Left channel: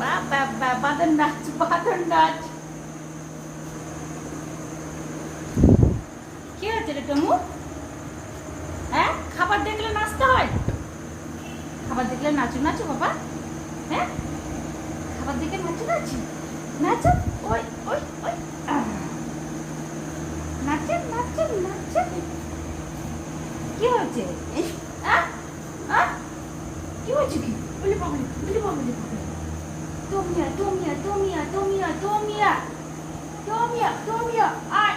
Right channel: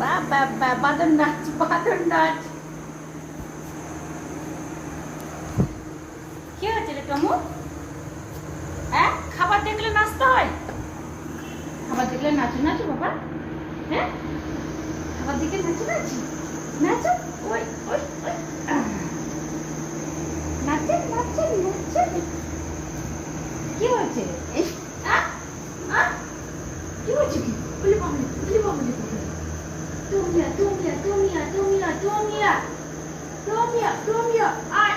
বা বাদর নাচ, বাদর নাচ। কি হচ্ছে রে টমু? হ্যাঁ, খাবার দেখলে নাচতে হয়? খাবার দেখলে নাচু নাচু বাবা? হ্যাঁ, খাবার দেখে নাচু নাচু নাচো। ওই ওই ওই নাচেন নাচেন নাচেন। কি হয়েছে? কি হয়েছে? কি বলি বাবু, বলি বাবু, তোমিয়া তোমিয়া তোমিয়া তোমিয়া তোমিয়া তোমিয়া তোমিয়া আয়